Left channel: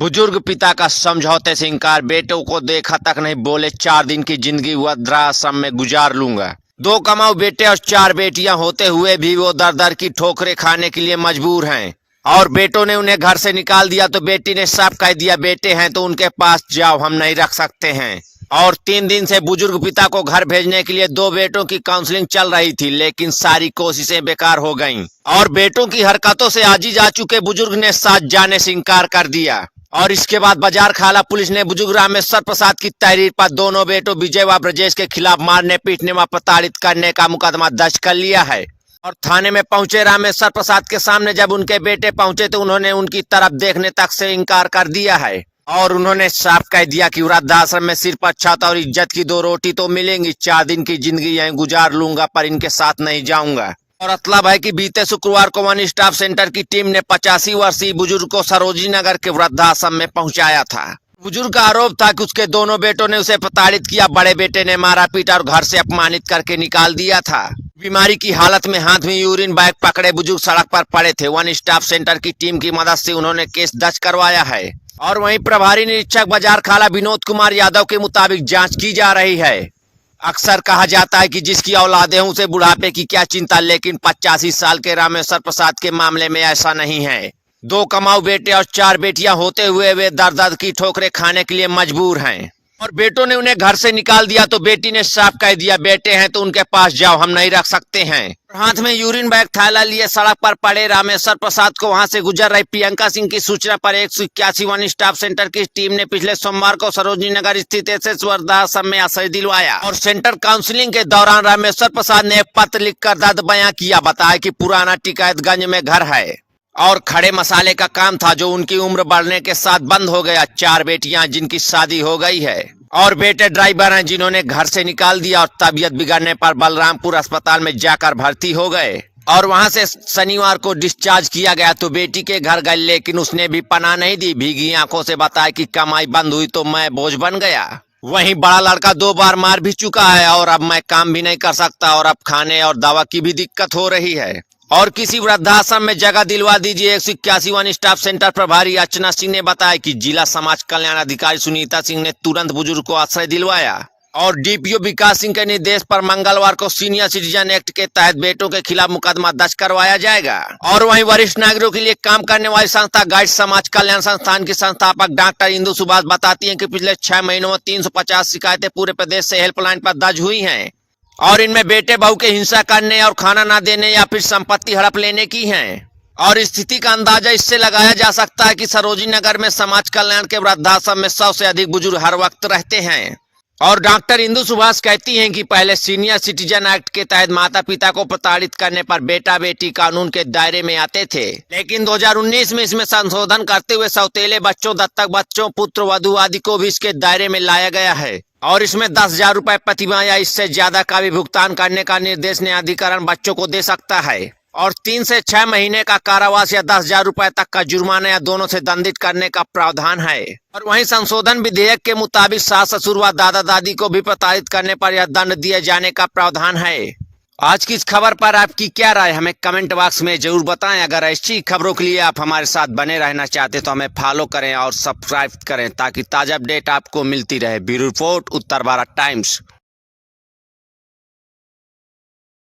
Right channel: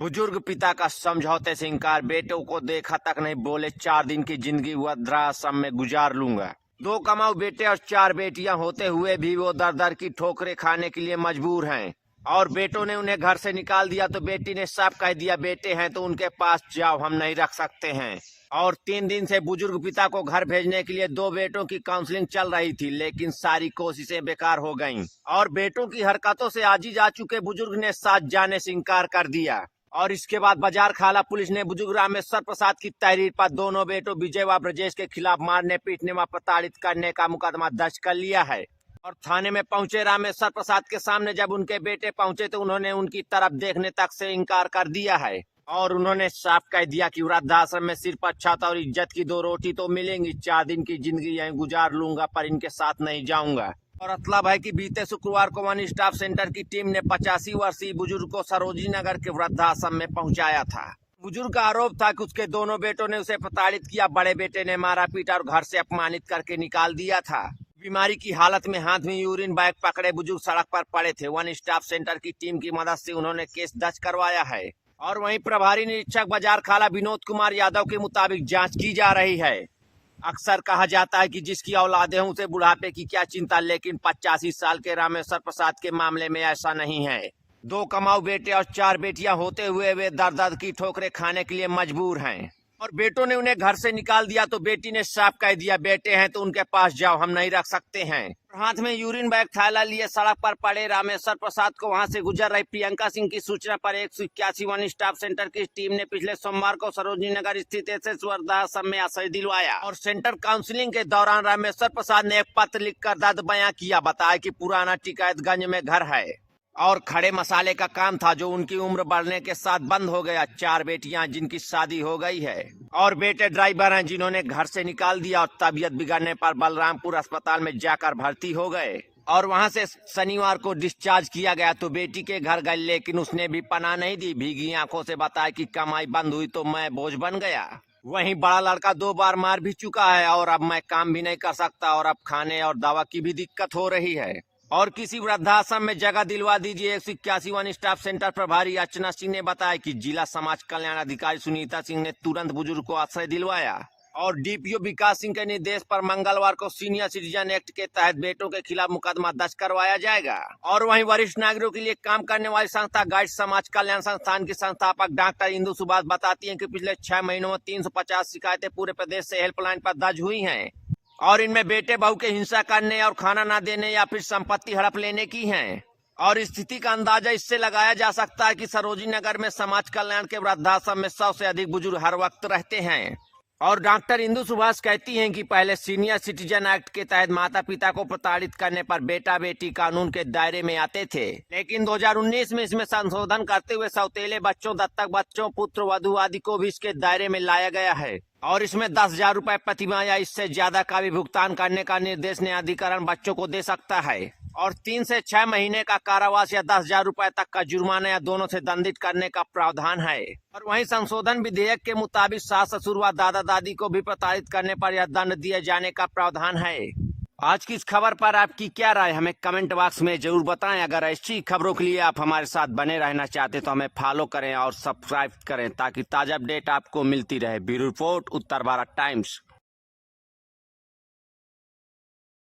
बुजुर्ग पिता का समझौते से इनकार, बेटों को देखा तक नहीं, बोले 4 दिन की जिंदगी वृद्धाश्रम में गुजार लूंगा। 2 कमाऊ बेटे और 4 बेटियां होते हुए भी वो दर दर की ठोकरें खाने के लिए मजबूर हैं। और बेटों ने उन्हें घर से निकाल दिया तो बेटी ने साफ कह दिया, बेटे हैं तो उनके पास जाओ, हम नहीं रख सकते हैं। और 3 दिन से बुजुर्ग पिता को घर भेजने के लिए 2 बेटों की काउंसलिंग चल रही थी, लेकिन सारी कोशिशें बेकार हो गईं। और बेटों की हरकतों से आजीज आ चुके बुजुर्ग ने साथ जाने से इनकार कर दिया। और इसके बाद बाजार खाला पुलिस ने बुजुर्ग रामेश्वर प्रसाद की तहरीर पर दोनों बेटों विजय व ब्रजेश के खिलाफ मारने, पीटने व प्रताड़ित करने का मुकदमा दर्ज कर लिया है। और थाने में पहुंचे रामेश्वर प्रसाद के सामने जब उनके बेटे पहुंचे तो उन्होंने उनकी तरफ देखने तक से इनकार कर दिया है। और उन्होंने साफ कह दिया कि वृद्धाश्रम में सिर्फ अच्छत और इज्जत की 2 रोटी तो मिलेंगी, 4 दिन की जिंदगी यहीं गुजार लूंगा, पर इनके साथ नहीं जाऊंगा। और मतलब है कि बीते शुक्रवार को वन स्टॉप सेंटर की टीम ने 85 वर्षीय बुजुर्ग को सरोजिनी नगर के वृद्धाश्रम में पहुंचाया था। बुजुर्ग का आरोप था कि उसके दोनों बेटों ने उसे प्रताड़ित किया, बड़े बेटे ने मारा पीटा और घर से अपमानित करके निकाल दिया था। बीमारी की हालत में हाथ में यूरिन बैग पकड़े बुजुर्ग सड़क पर पड़े थे। वन स्टॉप सेंटर की टीम की मदद से उन्होंने केस दर्ज करवाया है। और वहीं प्रभारी निरीक्षक बाजार खाला विनोद कुमार यादव के मुताबिक जांच की जा रही है। अक्सर कहा जाता है कि जिसकी औलाद है उसे बुढ़ापे की क्या चिंता, लेकिन 85 साल के रामेश्वर प्रसाद के मामले में ऐसा नहीं है। 2 कमाऊ बेटे और 4 बेटियां होते हुए वे दर दर की ठोकरें खाने के लिए मजबूर हैं। और बेटों ने उन्हें घर से निकाल दिया तो बेटी ने साफ कह दिया, बेटे हैं तो उनके पास जाओ, हम नहीं रख सकते हैं। हाथ में यूरिन बैग थैला लिए सड़क पर पड़े रामेश्वर प्रसाद को वहां से गुजर रही प्रियंका सिंह की सूचना पर 181 वन स्टॉप सेंटर की टीम ने पिछले सोमवार को सरोजिनी नगर स्थित एसएस वृद्धाश्रम में आश्रय दिलवाया। और सेंटर काउंसलिंग के दौरान रामेश्वर प्रसाद ने एक पत्र लिखकर दर्द बयां किया, बताया कि पुराना टिकैतगंज में घर है और खड़े मसाले का काम था जो उनकी उम्र बढ़ने के साथ बंद हो गया। 4 बेटियां जिनकी शादी हो गई है और बेटे ड्राइवर हैं जिन्होंने घर से निकाल दिया और तबीयत बिगड़ने पर बलरामपुर अस्पताल में जाकर भर्ती हो गए और वहां से शनिवार को डिस्चार्ज किया गया तो बेटी के घर गए, लेकिन उसने भी पनाह नहीं दी। भीगी आंखों से बताया कि कमाई बंद हुई तो मैं बोझ बन गया। वहीं बड़ा लड़का 2 बार मार भी चुका है और अब मैं काम भी नहीं कर सकता और अब खाने और दवा की भी दिक्कत हो रही है और किसी वृद्धाश्रम में जगह दिलवा दीजिए। 181 वन स्टॉप सेंटर प्रभारी अर्चना सिंह ने बताया कि जिला समाज कल्याण अधिकारी सुनीता सिंह ने तुरंत बुजुर्ग को आश्रय दिलवाया और डीपीओ विकास सिंह के निर्देश पर मंगलवार को सीनियर सिटीजन एक्ट के तहत बेटों के खिलाफ मुकदमा दर्ज करवाया जाएगा। और वहीं वरिष्ठ नागरिकों के लिए काम करने वाली संस्था गाइड समाज कल्याण संस्थान की संस्थापक डॉक्टर इंदु सुभाष बताती हैं कि पिछले 6 महीनों में 350 शिकायतें पूरे प्रदेश से हेल्पलाइन पर दर्ज हुई हैं और इनमें बेटे बहू के हिंसा करने और खाना ना देने या फिर संपत्ति हड़प लेने की हैं। और स्थिति का अंदाजा इससे लगाया जा सकता है कि सरोजिनी नगर में समाज कल्याण के वृद्धाश्रम में 100 से अधिक बुजुर्ग हर वक्त रहते हैं। और डॉक्टर इंदु सुभाष कहती हैं कि पहले सीनियर सिटीजन एक्ट के तहत माता पिता को प्रताड़ित करने पर बेटा बेटी कानून के दायरे में आते थे, लेकिन 2019 में इसमें संशोधन करते हुए सौतेले बच्चों, दत्तक बच्चों, पुत्र वधू आदि को भी इसके दायरे में लाया गया है। और इसमें 10,000 रुपए प्रतिमाह या इससे ज्यादा का भी भुगतान करने का निर्देश न्यायाधिकरण बच्चों को दे सकता है। और 3 से 6 महीने का कारावास या 10,000 रुपए तक का जुर्माना या दोनों से दंडित करने का प्रावधान है। और वहीं संशोधन विधेयक के मुताबिक सास ससुर व दादा दादी को भी प्रताड़ित करने पर यह दंड दिए जाने का प्रावधान है। आज की इस खबर पर आपकी क्या राय, हमें कमेंट बॉक्स में जरूर बताएं। अगर ऐसी खबरों के लिए आप हमारे साथ बने रहना चाहते तो हमें फॉलो करें और सब्सक्राइब करें ताकि ताज़ा अपडेट आपको मिलती रहे। ब्यूरो रिपोर्ट, उत्तर भारत टाइम्स।